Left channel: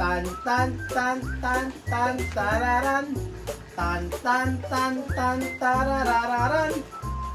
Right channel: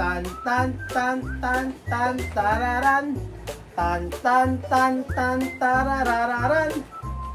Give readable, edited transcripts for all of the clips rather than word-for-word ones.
Tan tan tan tan tan tararan. Tan tan tan tan tararararan.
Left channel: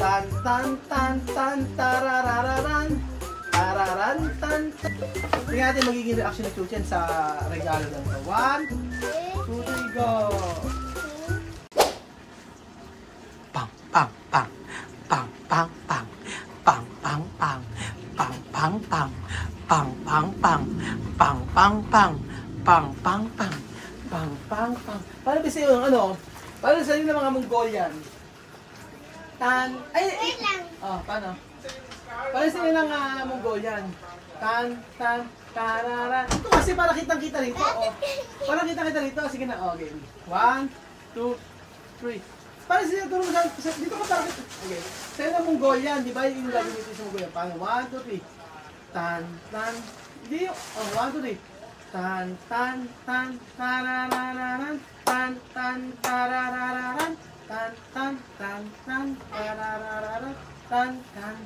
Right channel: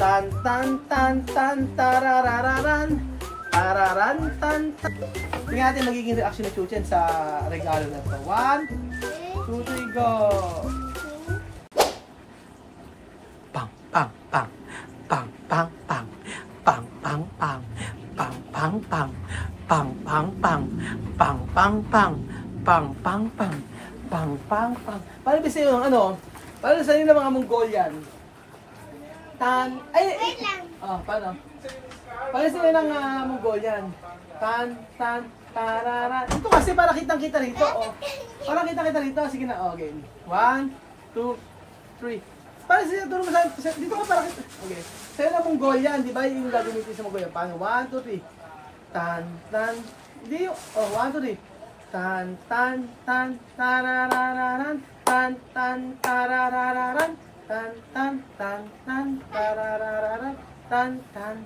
Tan tan tan tan tararararan. Tararan tan tan. Tingnan natin magiging reaction ni Chuchen sa regalo na ito. 1, 2, 3, go! Pang pang pang. Pang pang pang. Pang pang pang. Pang pang pang. Pang pang pang. Pang pang pang. Pang pang pang. Pang pang pang. Paano ba sa'yo yung ano? Paano sa'yo ng mga Mongolian? Tan. Ay. Oh, paano? Paano sa'yo ng Mongolian? Tan tan tararan. Ito kasi para kitang-kita rito, oh. Para kitang-kita rito. Sige na, oh, game. 1, 2, 3. Para sa'yo, tulong mo sa... Dito ka para kita. Okay. Sa'yo ng Mongolian, di ba? Yung gagamitin sa Mongolian. Paano? 1, 2, 3. Tan, tan. Hindi yung... Oh, 1, 2, 3. Tan, tan, tan, tararararan. Tan, tan, tararararan. Tan, tan, tan, tan, tararararan. Tan, tan.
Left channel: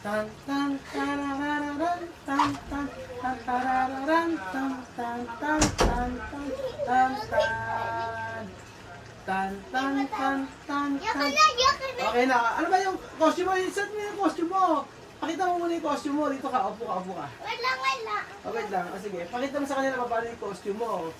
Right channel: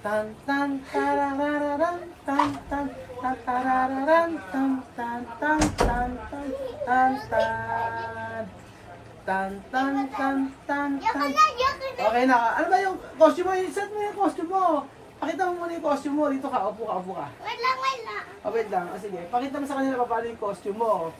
Tan, tan, tararararan. Tan, tan, tararararan. Tan, tan, tan, tan, tan, tan, tan. Tan, tan, tan, tan, tan. Okay na. Ano ba yung costume mo? Set mo yung costume mo. Pakita mo muna yung costume mo. Dito ka. Upo ka, upo ka. Wait lang, wait lang. Oh, wait lang. Sige. Pakita mo sa kanila pa paano yung costume mo.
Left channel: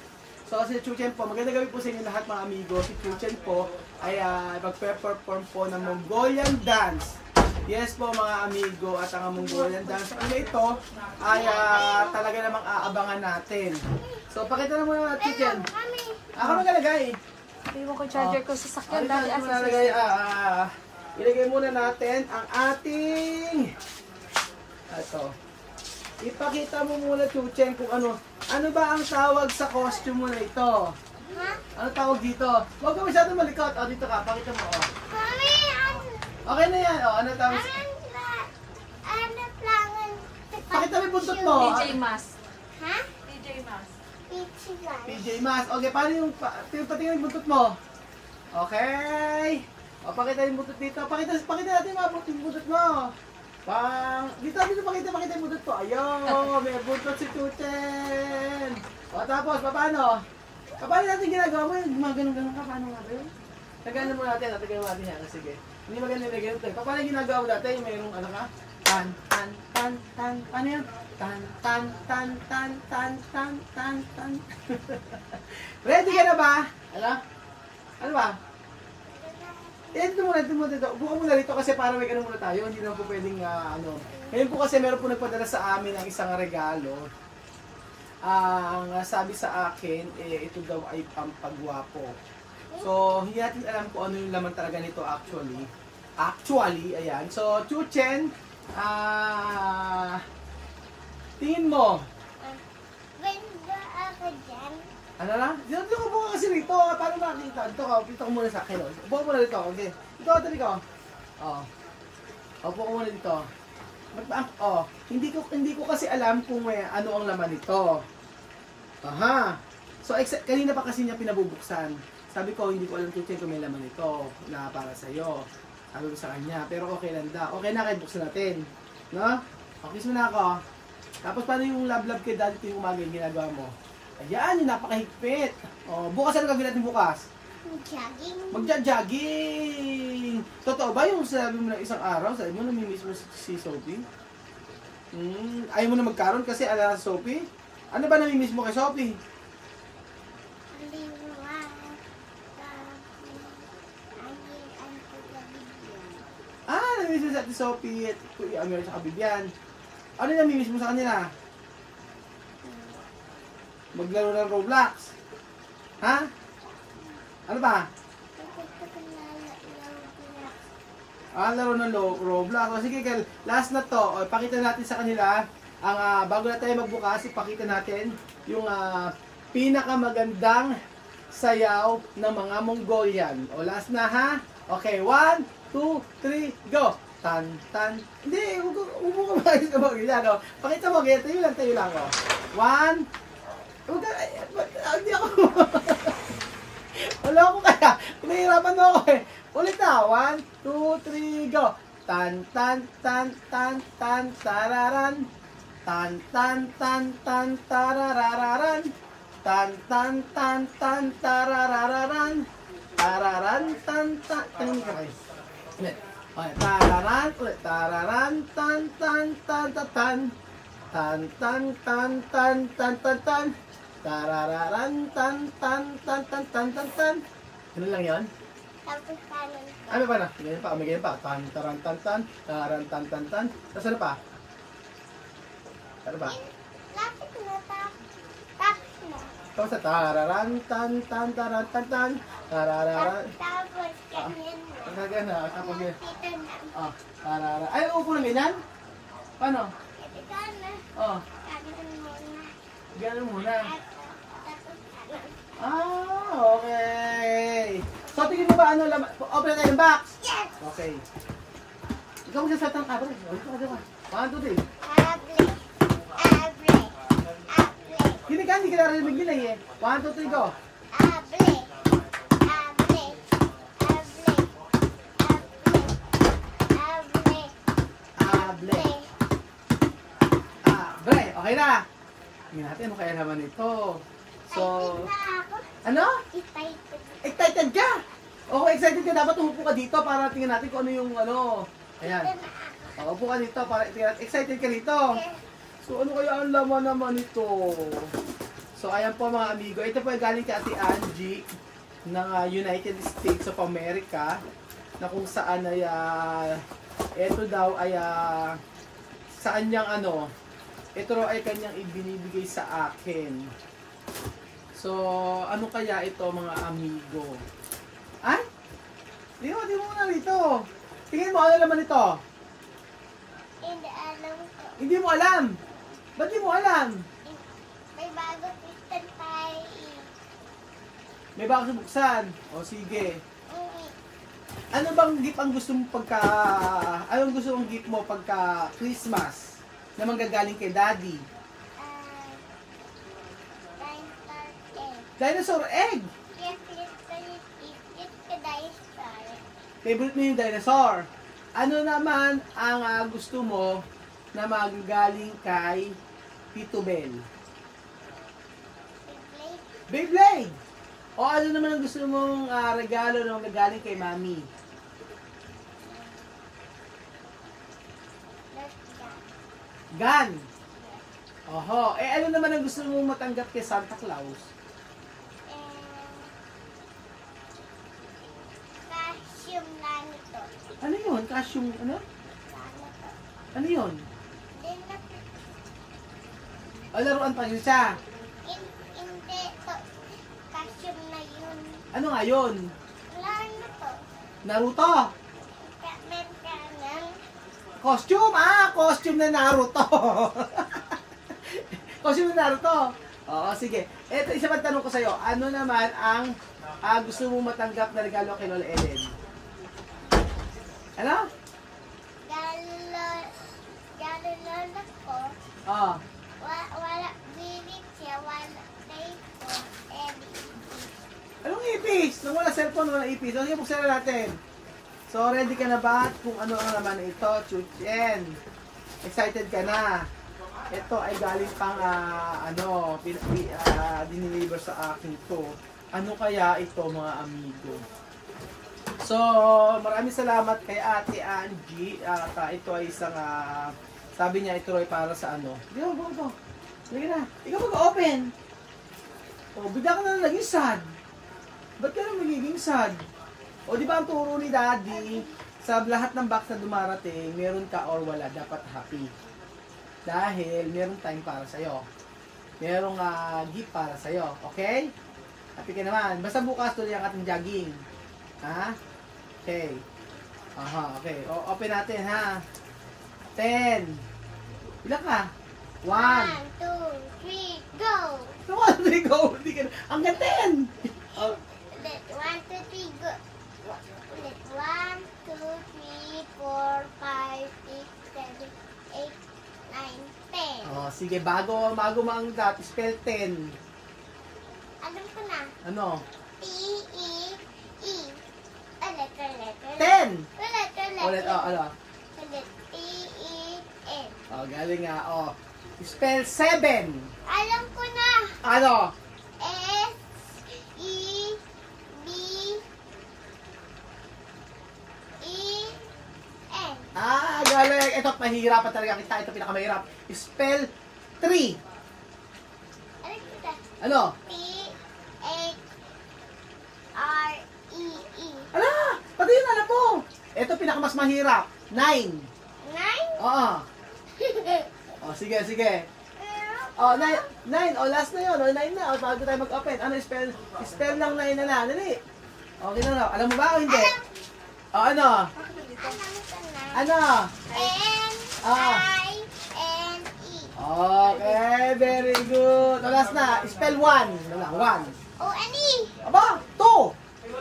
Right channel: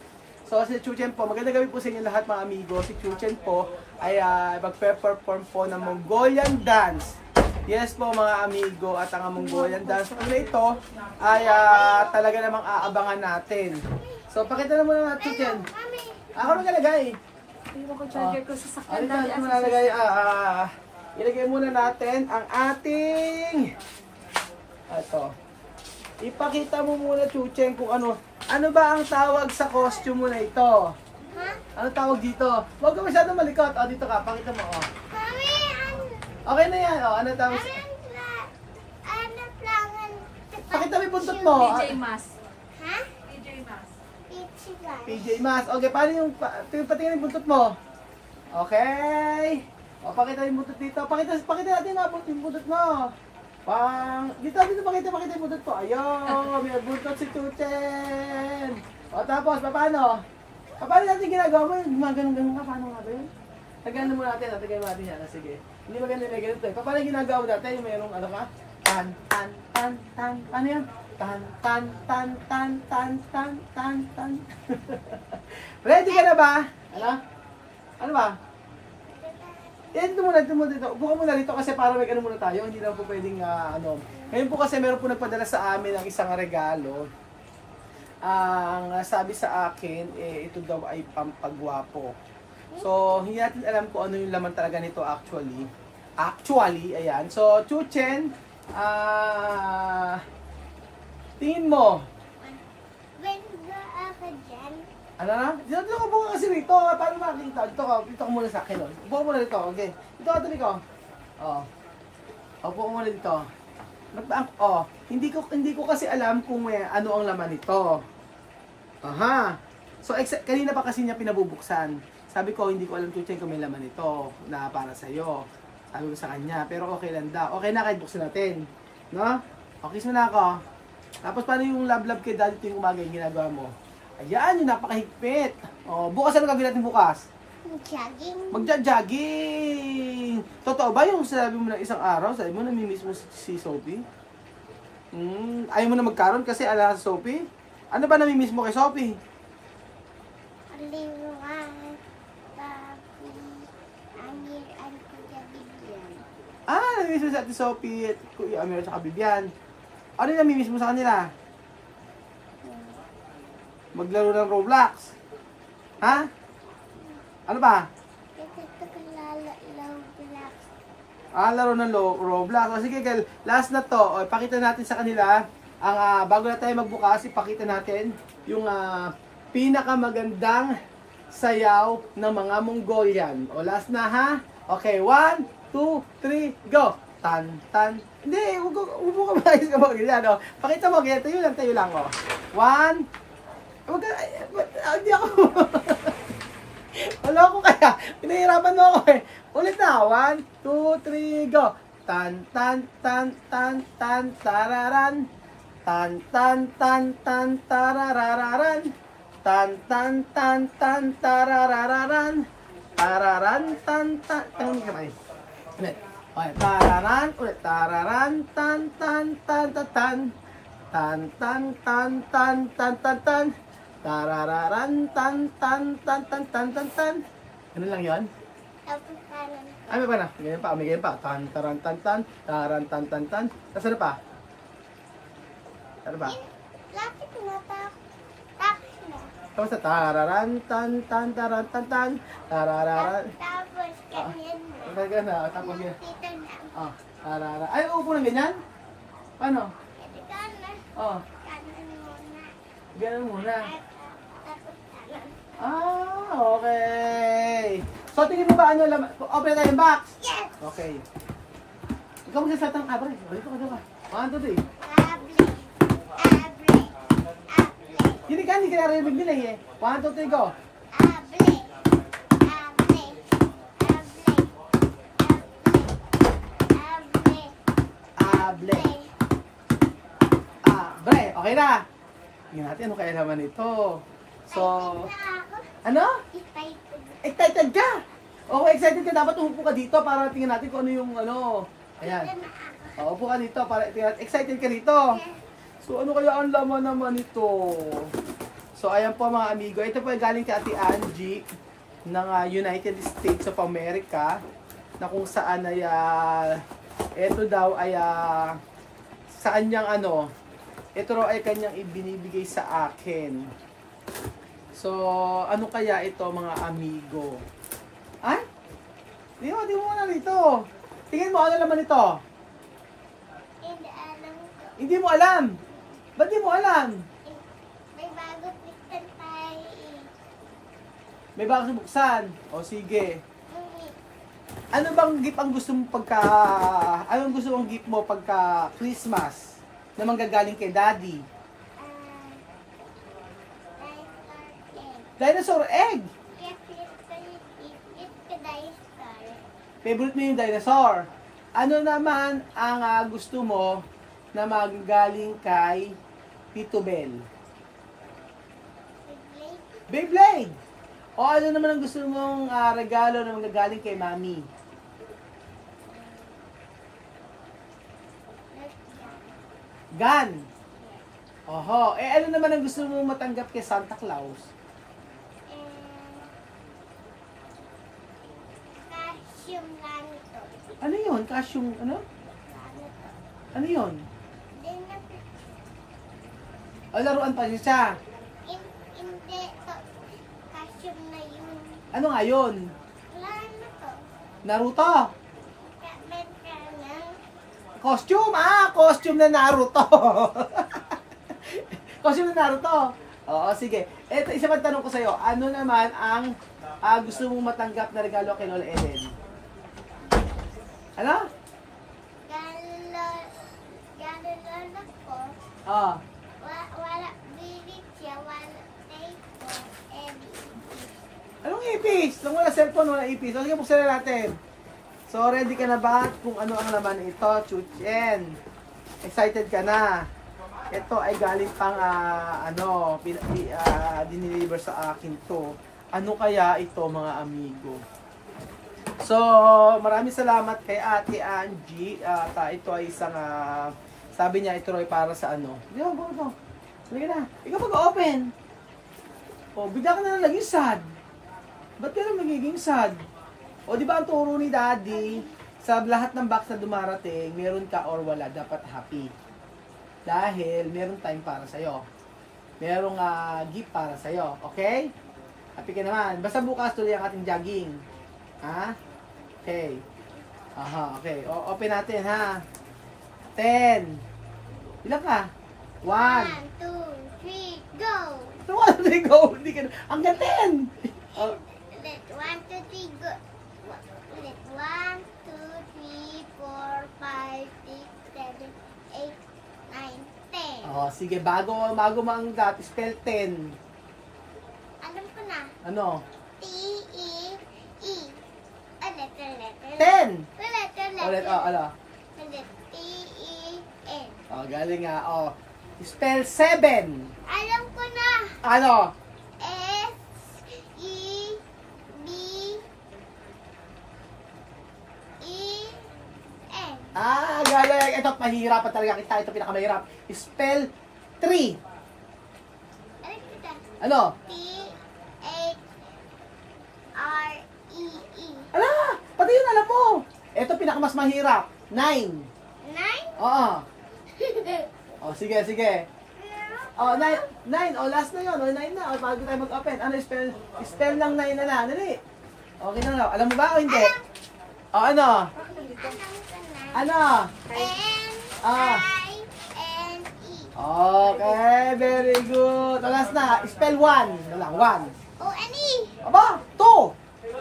So, si Chuchen po, magandang gabi po sa inyo lahat mga amigo. Si Chuchen po ay magpe-perform po ng Mongolian dance. Yes po mga amigo, at ang Mongolian dance ano ito ay talaga namang aabangan natin. So, pakita na muna natin Chuchen. Ako magalagay. Iwan ko charger ko sa sakyan. Ilagay muna natin ang ating ipakita mo muna Chuchen kung ano ba ang tawag sa costume mo na ito. Ha? Ano tawag dito? Huwag ka masyadong malikot. O, dito ka. Pakita mo. O. Mami, Okay na yan. O, ano tawag sa... ano plangan? Pakita mo yung buntot mo. PJ Mas. Ha? PJ Mas. PJ Mas. Okay, paano yung... Patingin yung buntot mo. Okay. O, pakita yung buntot dito. Pakita natin yung buntot mo. Dito pakita yung buntot po. Ayun, may buntot si Chuchen. O, tapos, paano? Paano natin ginagawa mo? Gumagano-gano ka. Paano nga ba yun? Tagaan mo natin. Tagaan mo natin yan. Sige. Hindi maganda na ganito. Paano yung ginagawa mo dati? Yung mayroong ano ka? Tan, tan, tan, tan. Paano yan? Tan, tan, tan, tan, tan, tan, tan, tan. Ready ka na ba? Ano ba? Dito muna dito. Upo ka muna dito kasi para may ano muna tayo. Hindi na po pwedeng Ngayon po kasi meron po nagpadala sa amin ng isang regalo. Ang sabi sa akin, ito daw ay pampagwapo. So, hindi natin alam kung ano yung laman talaga nito actually. Ayan. So, Chuchen, tingin mo. Ganda ako dyan. Ano na? Dito ka buka kasi rito. Paano makikita? Dito ka muna sa akin. Upo ka muna dito. Okay. Dito ka, dito ka. Upo ka muna dito. Hindi ko kasi alam kung ano ang laman nito. Aha. So, kanina pa kasi niya pinabubuksan. Sabi ko, hindi ko alam Chuchen kung may laman nito na para sa'yo. Sabi ko sa kanya. Pero okay lang daw. Okay na kahit buksan natin. No? Okay, kiss mo na ako. Tapos, paano yung love-love kay daddy tuwing umaga yung ginagawa mo? Ayan, yung napakahigpit. Bukas ano gagawin natin bukas? Jogging. Magja-jogging. Totoo ba yung sabi mo na isang araw? Sabi mo, namimiss mo si Sophie? Ayaw mo na magkaroon kasi ala sa Sophie? Ano ba namimiss mo kay Sophie? Aliwan. Papi. Angiran ko sa bigyan. Namimiss mo sa Ate Sophie at Kuya Amir at Bibian. Ano yung namimiss mo sa kanila? Maglaro ng Roblox. Ha? Ano ba? Laro ng Roblox. O sige, last na to. Pakita natin sa kanila ang bago na tayo magbukas, ipakita natin yung pinakamagandang sayaw ng mga Mongolian. O last na ha? Okay, 1, 2, 3, go! Tan, tan. Hindi, upo ka maayos ka mo. Ganyan, pakita mo, ganyan. Tayo lang. 1, huwag ka, hindi ako. Wala ko kaya. Pinahirapan mo ako eh. Ulit na. 1, 2, 3, go. Tan, tan, tan, tan, tan, tararan. Tan, tan, tan, tan, tararararan. Tan tan tan tan tararararan. Tararan tan tan. Tanong ka na ulit. Okay, tararan ulit. Tararan tan tan tan tan tan. Tan tan tan tan tan tan tan. Tarararan tan tan tan tan tan tan tan. Ano lang 'yon? Tapos kanan. Ay, may pa na. Ganyan pa. May ganyan pa. Tan taran tan tan. Taran tan tan tan. Tapos ano pa? Ano pa? Lapit na tapos na. Tapos sa tararan tan tan taran tan tan. Tararan. Tapos ganyan mo. Talaga na. Tapos yan. Dito na. Ah, tararan. Ay, upo ng ganyan? Paano? Ito kanan. Oh, Kanan muna. ganyan muna. Tapos kanan. Ah, okay. So, tingin mo ba ano laman? Open na tayo yung box. Yes! Okay. Ikaw magsasalta ng abre. Dito ka. 1, 2, 3. Able. Able. Able. Hindi ka narinig nila eh. 1, 2, 3, go. Able. Able. Able. Able. Able. Abre. Okay na. Tingnan natin ano kaya laman nito. So, ano? Excited ka? Okay, excited ka. Dapat umupo ka dito para tingnan natin kung ano yung ano. Ayan. Upo ka dito para tingnan. Excited ka dito. So, ano kaya ang laman naman ito? So, ayan po mga amigo. Ito po ay galing kay Ate Angie ng United States of America na kung saan ay ito daw ay sa kanyang ano, ito raw ay kanyang ibinibigay sa akin. So, ano kaya ito mga amigo? Ay? Di mo muna rito. Tingin mo, ano naman ito? Hindi alam ko. Hindi mo alam. Ba't di mo alam? May bago piston tayo eh. May bago buksan. O sige. Ngunit, Ano bang gift ang gusto mo pagka... Anong gusto mong gift mo pagka Christmas? Na manggagaling kay Daddy? dinosaur Dinosaur egg! egg. Yes, it's a dinosaur. Favorite mo yung dinosaur. Ano naman ang gusto mo na manggagaling kay Tito Bel? Beyblade. Beyblade! O ano naman ang gusto mong regalo na manggagaling kay Mami? Gun! Oho. Eh ano naman ang gusto mong matanggap kay Santa Claus? Calcium ganito. Ano yun? Calcium, ano? Ganito. Ano yun? Then, O laruan pa yun siya. hindi to. Calcium na yun. Ano nga yun? Ano to? Naruto? Meron ka ng Costume! Costume na Naruto! Costume na Naruto! Oo, sige. Eto, isa pang tanong ko sa'yo. Ano naman ang gusto mong matanggap na regalo kay Lola Ellen? Ano? Lola ko. Oo. Wala bilit siya. Wala tape. Anong ipis? Nung wala cellphone, wala ipis. So, sige, buksan na natin. So, ready ka na ba kung ano ang laman ito? Chuchen. Excited ka na? Ito ay galing pang, diniliver sa akin to. Ano kaya ito, mga amigo? So, maraming salamat kay Ate Angie. Ito ay isang, sabi niya, ito ay para sa ano. Go. Sige na. Ikaw mag-open. O, bigla ka na naging sad. Ba't ka na magiging sad? O, di ba ang turo ni Daddy, sa lahat ng box na dumarating, meron ka or wala, dapat happy. Dahil, meron time para sa'yo. Merong gift para sa'yo. Okay? Happy ka naman. Basta bukas tuloy ang ating jogging. Ha? Okay. Aha, okay. O, open natin, ha? 10. Ilan ka? 1. 1, 2, 3, go! 1, 3, go! Hindi ka na. Hanggang 10! Oh. Ulit, 1, 2, 3, go! Ulit, 1, 2, 3, 4, 5, 6, 7, 8, 9, 10. Oh, sige, bago maanggat, spell 10. Alam ko na. Ano? T-E-E. Ulit. 10! Ulit. Ulit, ano? Ulit, T-E-N. Oh, galing nga, oh. Spell 7. Alam ko na. Ano? ito, mahihirapan talaga kita. Ito pinakamahirap. Spell 3. Alam kita. Ano? T-H-R-E-E. Ala! Pati yun alam mo. Ito pinakamas mahirap. 9. 9? Oo. O, sige, sige. O, 9. O, last na yun. O, 9 na. O, bago tayo mag-open. Ano spell? Spell ng 9 na lang. Dali. Okay na, no? Alam mo ba o hindi? O, ano? Ano? N-I-N-E. Okay, very good. O, last na. Spell 1. Na lang, 1. O-N-E. Aba, 2.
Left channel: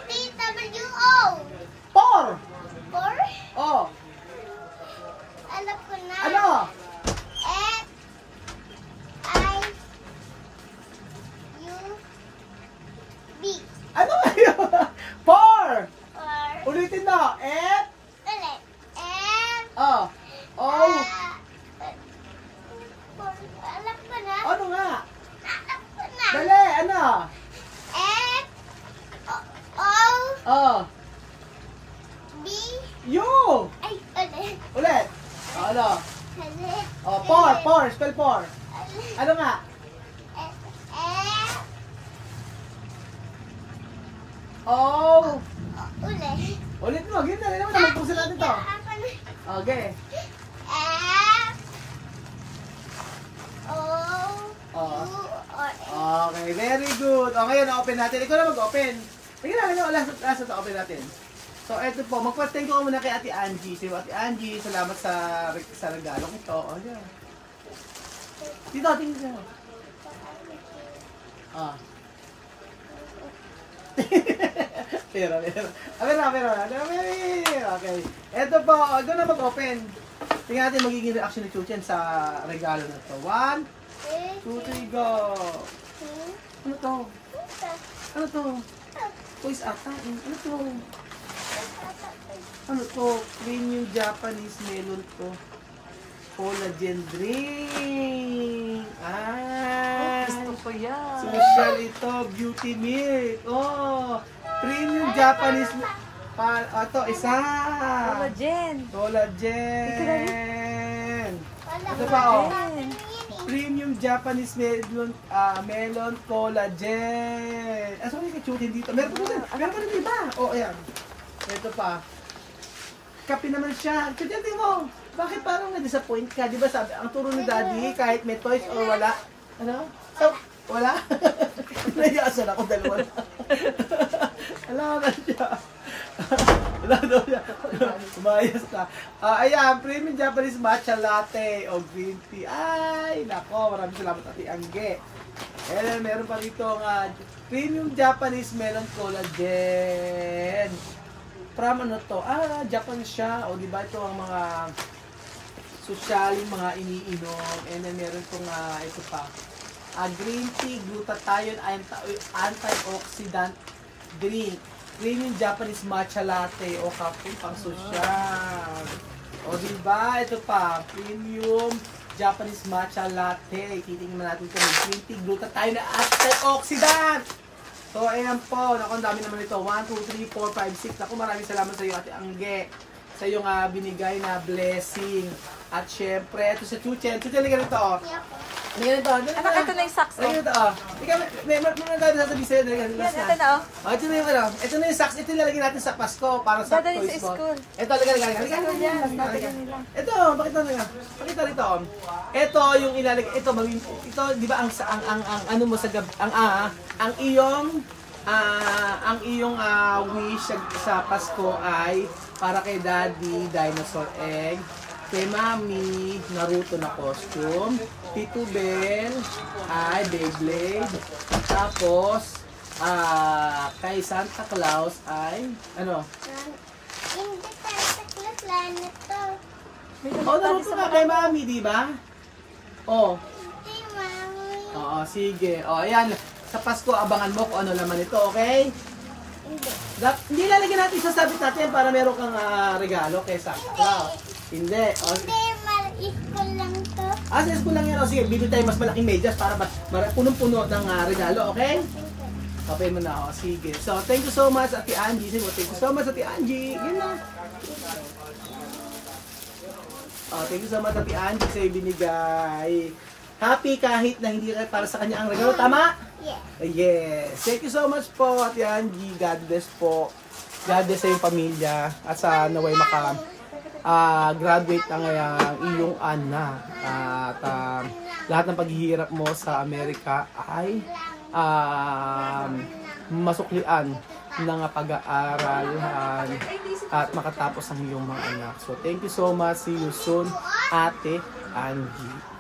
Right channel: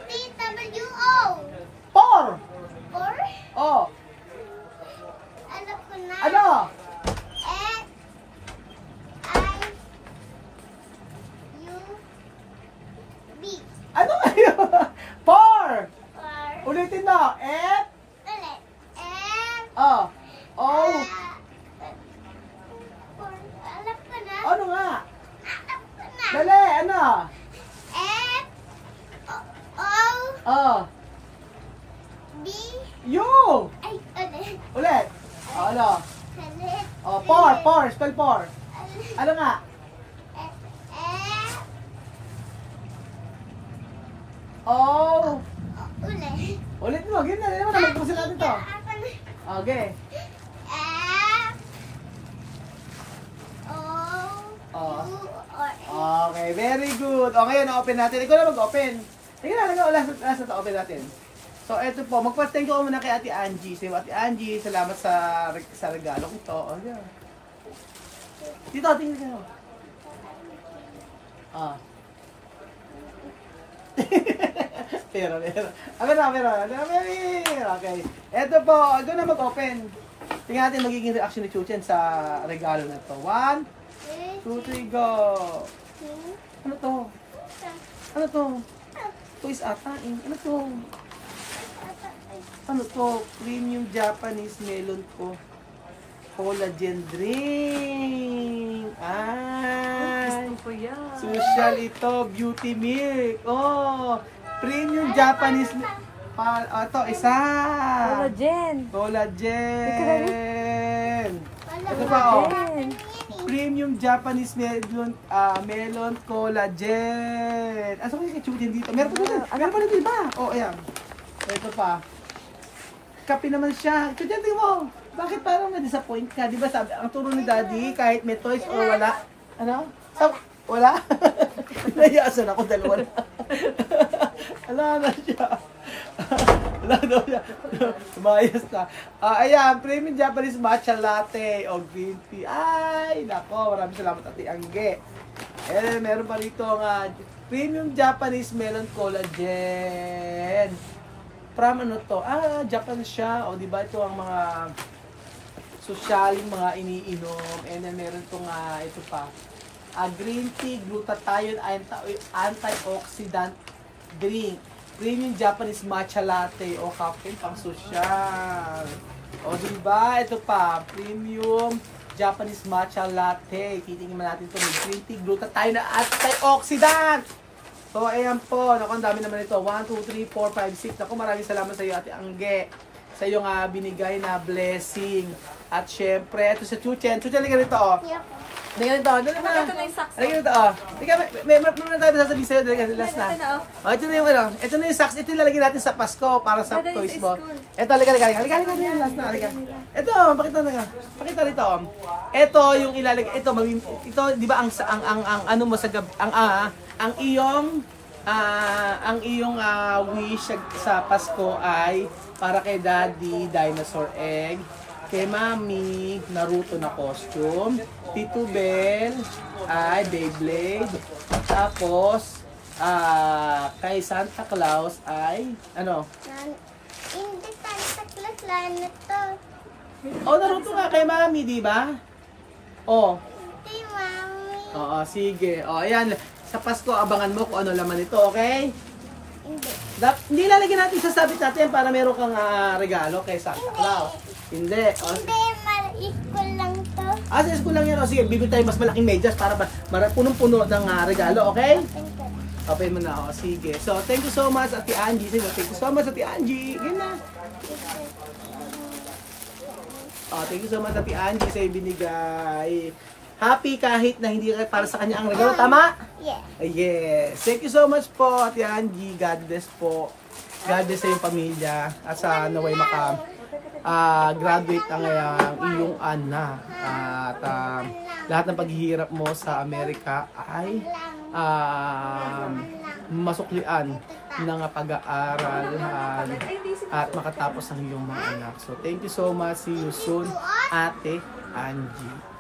T-W-O. 4. 4? O, Alam ko na. ano? F-I-U-B. Ano kayo? 4. 4. Ulitin mo. F. Ulit. F. O. O. Alam ko na. Ano nga? Alam ko na. Dali, ano? F. O. O. B. U. Ay, ulit. Ulit. O, ano? Ulit. O, 4. 4. Spell 4. Ulit. Ano nga? F. O. Ulit. Ulit mo. Ganyan na. Ganyan mo na. Magpusin natin to. Ako na. Okay. F. O. Oh. U. O. Okay. Very good. O, ngayon, open natin. Ikaw na mag-open. Tingnan natin. Last na to. Open natin. So, eto po. Magpa-thank you muna kay Ate Angie. Sabi mo, Ate Angie, salamat sa regalong ito. O, yan. Dito, tingnan nyo. Ah. Pero. Okay. Eto po. Ito na mag-open. Tingnan natin magiging reaction ni Chuchen sa regalo na to. 1, 2, 3, go. Ano to? Ano to? Toys ata. Ano to? Ano to? Premium Japanese melon ko. Collagen drink. Ay. Gusto ko yan. Social ito. Beauty milk. Oh. Premium Japanese milk. Ito, isa. Collagen. Collagen. Ito pa, oh. Premium Japanese melon collagen. Asa ko yung kachutin dito? Meron pa dito. Meron pa dito iba. Oh, ayan. Ito pa. Kape naman siya. Chutin mo. Bakit parang na-disappoint ka? Di ba sabi, ang turo ni Daddy, kahit may toys or wala. Ano? Wala? Nahiyasan ako, dalawa na. Wala na siya. Wala daw siya. Umayos na. Ayan, Premium Japanese Matcha Latte o Green Tea. Ay, nako, maraming salamat Ate Angge. Meron pa rito nga Premium Japanese Melon Collagen. From ano to? Japan siya. O diba ito ang mga sosyaling mga iniinom. And then meron itong ito pa. Green tea, glutathione, antioxidant drink. Premium Japanese matcha latte o caffeine pang sosyal. O diba? Ito pa. Premium Japanese matcha latte. Titingnan natin ito. May green tea, glutathione na antioxidant. So, ayan po. Naku, ang dami naman ito. 1, 2, 3, 4, 5, 6. Naku, maraming salamat sa iyo, Ate Angge. Sa iyong binigay na blessing. At syempre, ito sa Chuchen. Chuchen, liga rito, oh. Liga rito, oh. Ito na yung socks. Liga rito, oh. May tayo sasabihin sa'yo. Liga, last na. Oh, ito na yung, ito na yung socks. Ito yung lalagyan natin sa Pasko para sa toys mo. Ito, liga. Last na, liga. Ito, pakita na nga. Pakita rito, oh. Ito yung ilalagay. Ito, di ba ang ano mo sa gabi, ang iyong wish sa Pasko ay para kay Daddy, dinosaur egg, kay Mami, Naruto na costume, Tito Bell, ay Beyblade, tapos kay Santa Claus ay ano? Hindi Santa Claus lang ito. Oh, Naruto nga kay Mami, di ba? Oh. Hindi, Mami. Oo, sige. Oh, ayan. Sa Pasko, abangan mo kung ano laman ito, okay? Hindi. Hindi lalagyan natin, sasabit natin para meron kang regalo kay Santa Claus. Hindi. Oh. Hindi, maliit ko lang to. Sa school lang yan. O, sige, bibili tayo mas malaking medyas para punong-puno ng regalo, okay? Okay mo na. O, sige. So, thank you so much, Ate Angie. Thank you so much, Ate Angie. Ganyan na. Thank you so much, Ate Angie, sa ibinigay. Happy kahit na hindi para sa kanya ang regalo. Tama? Yeah. Yes. Thank you so much po, Ate Angie. God bless po. God bless sa iyong pamilya. At sa naway graduate ang iyong anak. At lahat ng paghihirap mo sa Amerika ay masuklian ng pag-aaral at makatapos ang iyong mga anak. So, thank you so much. See you soon, Ate Angie.